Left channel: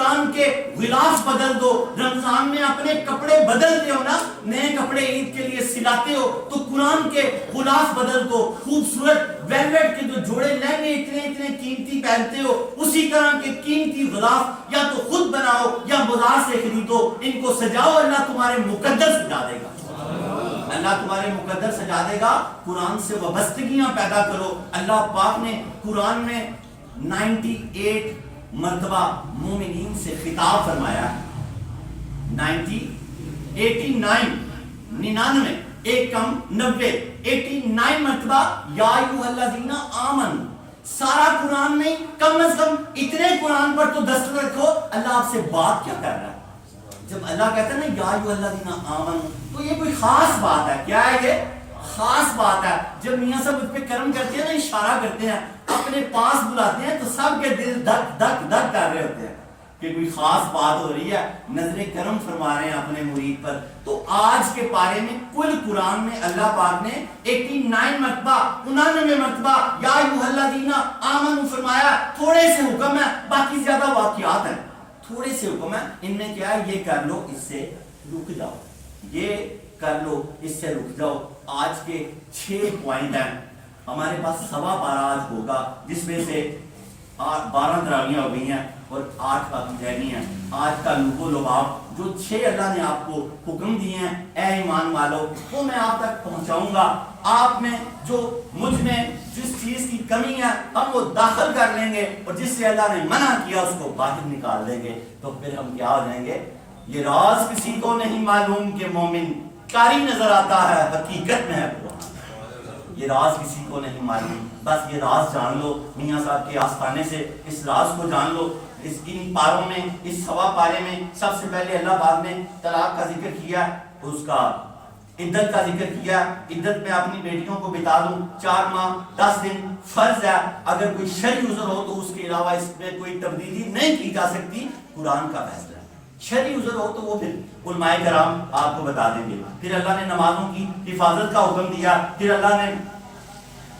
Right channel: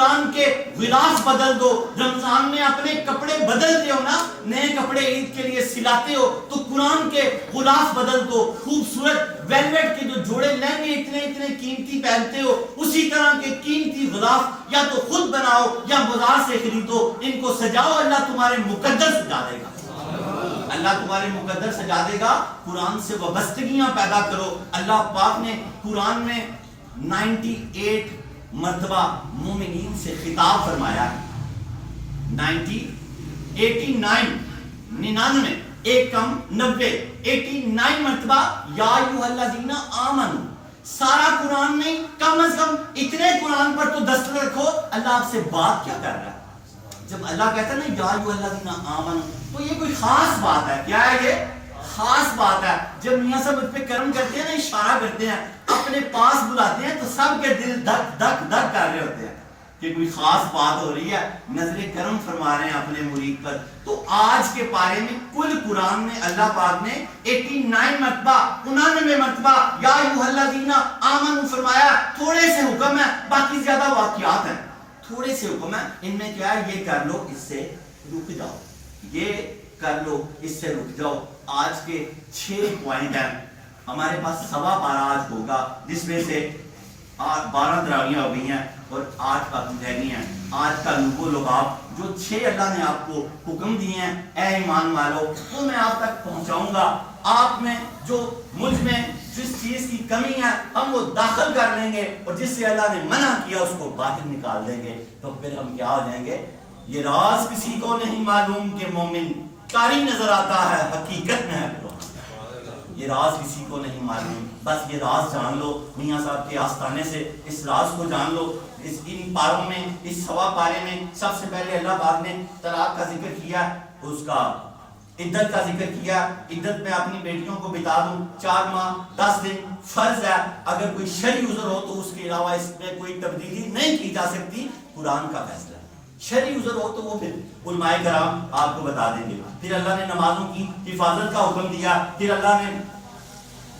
قرآن کے غلاف بدل دو. رمضان میں اپنے کپڑے بدلتے ہو نا, نئے کپڑے عید کے لیے سلاتے ہو, تو قرآن کے غلاف بدل دو. خوبصورت ویلویٹ کے جو جوڑے لہنگے اتنے قیمتی پہنتے ہو, اسی طرح کے قیمتی غلاف یا تو خود بناؤ یا بازار سے خریدو, ان کو سجاؤ, اللہ تمہارے مقدر سجا دے گا. اللہ تمہارے مقدر سجا دے گا. قرآن سے وابستگیاں پیدا کرو. اللہ پاک نے قرآن میں 98 مرتبہ مومنین سے خطاب فرمایا ہے. 99 ایک کم 90 89 مرتبہ یا ایھا الذین آمنوا. سارا قرآن نہیں, کم از کم اتنے قرآن پر تو دستور رکھو. اللہ آپ سے بات کیا کر رہا ہے؟ جب اللہ کہتا ہے نا یا ایھا الذین آمنوا, تو یہ کوئی خاص بات ہے. کیا ہے یہ؟ خاص بات ہے. جب میاں صاحب اس پہ کرم کرتے ہیں نا, اشارہ کرتے ہیں, اپنے پاس بلاتے ہیں, تو سب کے دل دھک دھک دھک کر رہے ہوتے ہیں کہ کوئی خاص بات ہو رہی ہے, نظر کرم فرما رہے ہیں اپنے مرید پر. تو آج کے پارے میں کل قرآن میں اللہ پاک نے 89 مرتبہ 99 مرتبہ یا ایھا الذین آمنوا فرمایا. تھوڑے سے حکم ہے, باقی زیادہ واقعات ہیں. تھوڑے سے حکم ہے, ان میں کیا ہے, یہ کر لو, اس سے رک جاؤ, یہ کر لو, اس سے رک جاؤ. آج کے 6 پوائنٹ ہیں. ہمارے پاس 12.25 آج ہوگا, جس میں سے 12 تراویحیں ہو گئی ہیں اور 8 کا مجاہدین ہیں. آج کا لوگو لباب جو 6 اللہ نے آپ کو حکم دیے ہیں اے ایمان والو, وہ میں آپ تک پہنچاؤں گا. آپ میں جو مجھ میں جس چیز کی کمی ہے ہم وہ داخل کر لیں گے, اور جس سے اللہ نے منع کیا اس کو باہر نکال دیں گے. تو پھر ہم کیا ہو جائیں گے؟ یہ راز کسی کو نہیں معلوم کہ مومن کاری نظر آتا ہے, حقیقت میں ہے قرآن. یہ راز کسی کو نہیں معلوم, بس یہ راز جان لو. میاں صاحب کے آستانے سے اس راز کو جان لو. ان پاروں میں, اس 1.25 پارے میں سب سے پہلے اللہ پاک نے طلاق کا ذکر کیا, اس کا عدت کا ذکر کیا. عدت میں اپنی بیٹیوں کو بتا دوں 4 ماہ 10 دن فرض ہے. اگر کوئی شرعی عذر ہو تو اس کے علاوہ اس میں کوئی تبدیلی نہیں کی جا سکتی, قرآن کا فیصلہ ہے. شرعی عذر ہو تو وہ پھر علماء کرام آپ کو بتا دیں گے. پھر اللہ نے نمازوں کی حفاظت کا حکم دیا. پھر اللہ نے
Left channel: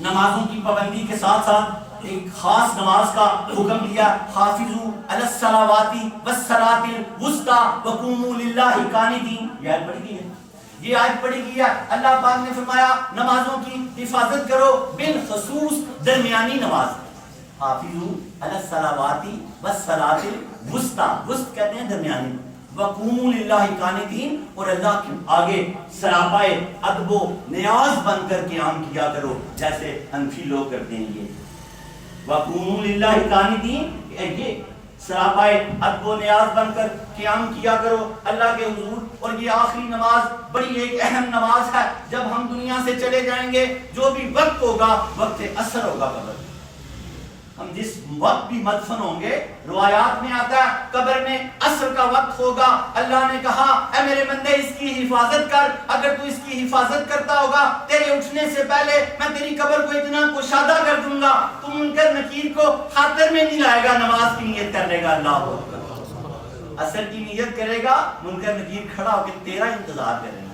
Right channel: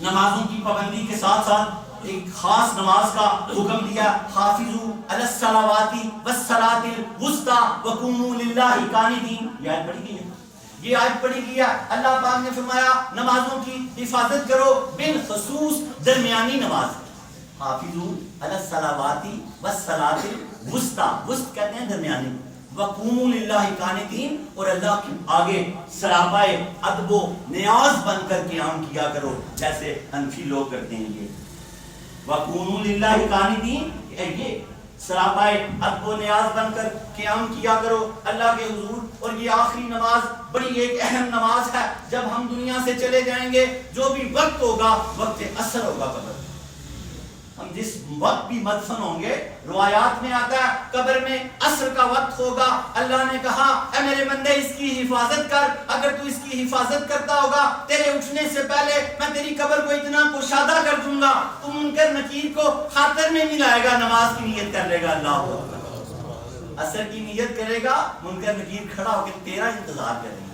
نمازوں کی پابندی کے ساتھ ساتھ ایک خاص نماز کا حکم دیا, حافظوا علی الصلوات والصلاۃ الوسطی وقوموا للہ قانتین. یہ آیت پڑھی گئی ہے, یہ آیت پڑھی گئی ہے. اللہ پاک نے فرمایا نمازوں کی حفاظت کرو, بالخصوص درمیانی نماز. حافظوا علی الصلوات والصلاۃ الوسطی, وسط کہتے ہیں درمیانی. وقوموا للہ قانتین, اور اللہ کے آگے سراپائے ادب و نیاز بن کر قیام کیا کرو, جیسے حنفی لوگ کرتے ہیں. یہ وقوموا للہ قانتین, یہ سراپائے ادب و نیاز بن کر قیام کیا کرو اللہ کے حضور. اور یہ آخری نماز بڑی ایک اہم نماز ہے. جب ہم دنیا سے چلے جائیں گے, جو بھی وقت ہوگا وقت عصر ہوگا. قبر ہم جس وقت بھی مدفن ہوں گے, روایات میں آتا ہے قبر میں عصر کا وقت ہوگا. اللہ نے کہا اے میرے بندے اس کی حفاظت کر. اگر تو اس کی حفاظت کرتا ہوگا, تیرے اٹھنے سے پہلے میں تیری قبر کو اتنا کشادہ کر دوں گا, تو منکر نکیر کو خاطر میں نہیں لائے گا, نماز کی نیت کر لے گا. اللہ عصر کی نیت کرے گا, منکر نکیر کھڑا ہو کے تیرا انتظار کریں گے,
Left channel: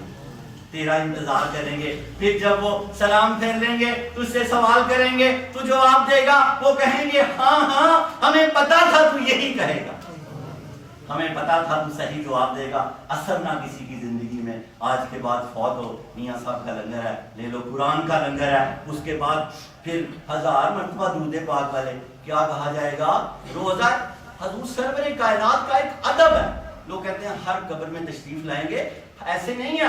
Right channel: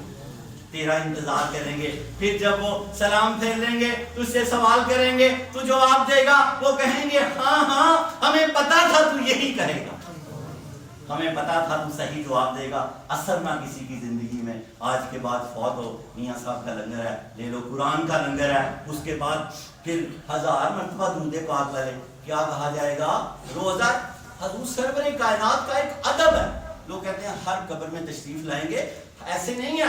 تیرا انتظار کریں گے. پھر جب وہ سلام پھیر لیں گے, تجھ سے سوال کریں گے, تو جواب دے گا. وہ کہیں گے ہاں ہاں ہمیں پتا تھا تو یہی کہے گا, ہمیں پتا تھا تو صحیح جواب دے گا. اثر نہ کسی کی زندگی میں. آج کے بعد فوت ہو, میاں صاحب کا لنگر ہے, لے لو, قرآن کا لنگر ہے. اس کے بعد پھر 1000 مرتبہ درود پاک والے. کیا کہا جائے گا؟ روزہ حضور سرور کائنات کا ایک ادب ہے. لوگ کہتے ہیں ہر قبر میں تشریف لائیں گے, ایسے نہیں ہے.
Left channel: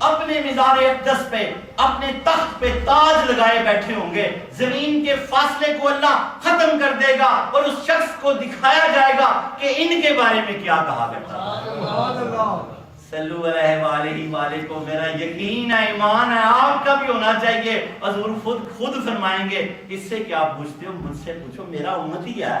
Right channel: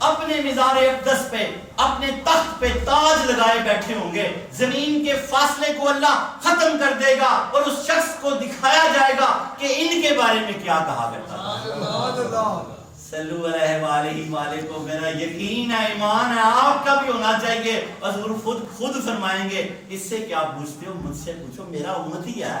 اپنے مزار اقدس پہ, اپنے تخت پہ تاج لگائے بیٹھے ہوں گے. زمین کے فاصلے کو اللہ ختم کر دے گا, اور اس شخص کو دکھایا جائے گا کہ ان کے بارے میں کیا کہا کرتا تھا. صلو علیہ وآلہ وآلہ کو میرا یقین ہے, ایمان ہے, آپ کا بھی ہونا چاہیے. حضور خود فرمائیں گے, اس سے کیا پوچھتے ہو, مجھ سے پوچھو, میرا امت ہی ہے.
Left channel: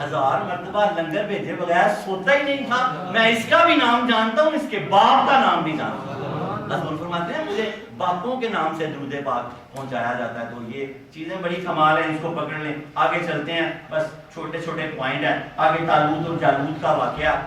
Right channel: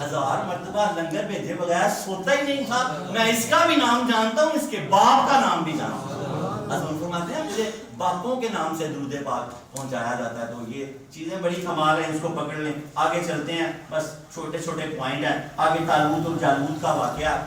1000 مرتبہ لنگر بھیجے بغیر سوتا ہی نہیں تھا. میں اس کا بھی نام جانتا ہوں, اس کے باپ کا نام بھی جانتا ہوں. حضور فرماتے ہیں مجھے باپوں کے نام سے درود پاک پہنچایا جاتا ہے. تو یہ چیزیں بڑی کمال ہیں, اس کو پکڑ لیں. آگے چلتے ہیں, بس چھوٹے چھوٹے پوائنٹ ہیں. آگے طالوت اور جالوت کا واقعہ.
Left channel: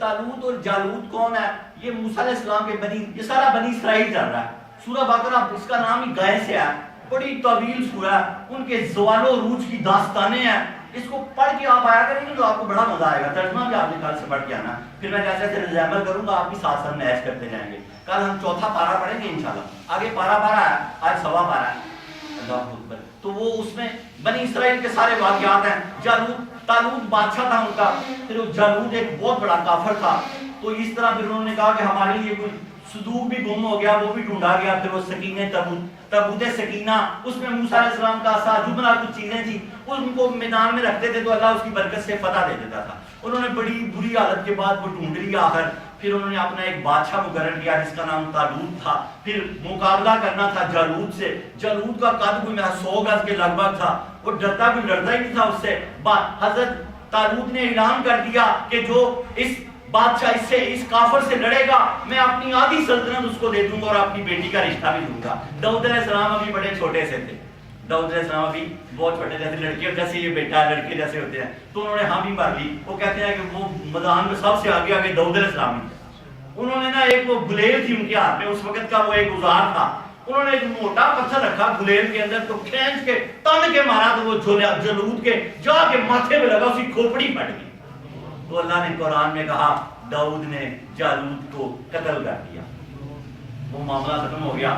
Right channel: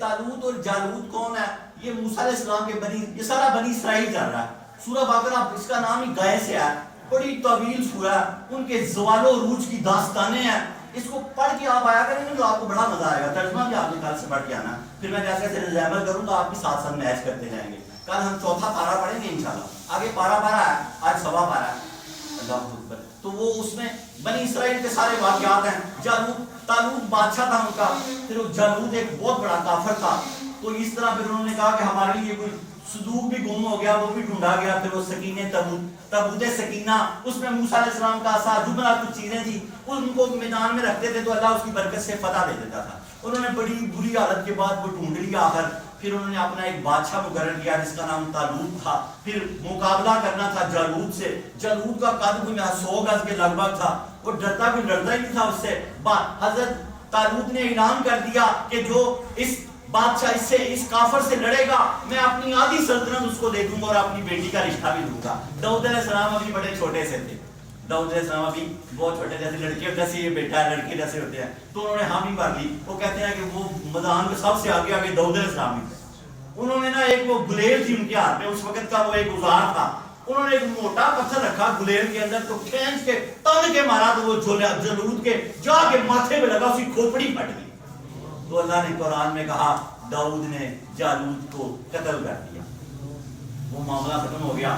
طالوت اور جالوت کون ہے؟ یہ موسیٰ علیہ السلام کے یہ سارا بنی اسرائیل چل رہا ہے. سورہ بقرہ اس کا نام ہی گائے سے ہے, بڑی طویل سورہ ہے. ان کے زوال و عروج کی داستانیں ہیں. اس کو پڑھ کے آپ آیا کریں گے تو آپ کو بڑا مزہ آئے گا. ترجمہ بھی آپ نے کل سے پڑھ کے آنا, پھر میں جیسے جیسے ریزیمبل کروں گا آپ بھی ساتھ ساتھ میچ کرتے جائیں گے. کل ہم چوتھا پارا پڑھیں گے انشاءاللہ. آگے پارا ہے, آج سوا پارا ہے. اللہ اکبر. تو وہ اس میں بنی اسرائیل کے سارے واقعات ہیں. طالوت بادشاہ تھا ان کا. پھر وہ جالوت ایک بہت بڑا کافر تھا. تو اس طرح پھر انہوں نے کہا کہ ہمارے لیے کوئی صندوق بھی گم ہو گیا, وہ بھی ڈھونڈا گیا. پھر وہ سکینہ تابوت سکینہ, اس میں موسیٰ علیہ السلام کا عصا, جبنا کچھ چیزیں تھیں, ان کو میدان میں رکھتے تھے تو اللہ اس کی برکت سے فتح دے دیتا تھا. انہوں نے بڑی بری حالت کے بعد وہ ڈھونڈ لیا آخر. پھر انہوں نے اپنا ایک بادشاہ مقرر کیا جس کا نام طالوت تھا. پھر مقابلہ کرنا تھا جالوت سے. جالوت کا قد کوئی 100 گز کے لگ بھگ تھا. وہ ڈرتا ہی نہیں تھا اس سے. حضرت طالوت نے اعلان کر دیا کہ جو اس بادشاہ اس کافر سے لڑے گا میں اپنی آدھی سلطنت اس کو دے دوں گا اور اپنی بیٹی کا رشتہ بھی دوں گا. داؤد علیہ السلام ابھی بڑے چھوٹے سے تھے. داؤد علیہ السلام ابھی بہت چھوٹے, جیسے لڑکیوں جیسے یہ بیٹا ہے, لڑکے جیسے ہوتے ہیں. تو انہوں نے ہاں بھی مار لی. وہ کہتے ہیں کہ وہ میدان میں سب سے آگے داؤد علیہ السلام ہی تھے. انہوں نے نا ایک وہ گلیل تھی ان کے ہاتھ میں, اس وقت کا وہ ایک اوزار تھا. انہوں نے ایک موٹا پتھر رکھا گلیل کے اندر, تو کھینچ کے تن کے مارا تو وہ جالوت کے جا کے ماتھے پہ لگا, اس کی کھوپڑی پھٹ گئی. تو اللہ نے قرآن میں کہا داؤد نے جالوت کو قتل کر دیا. وہ معاملہ ختم ہو گیا.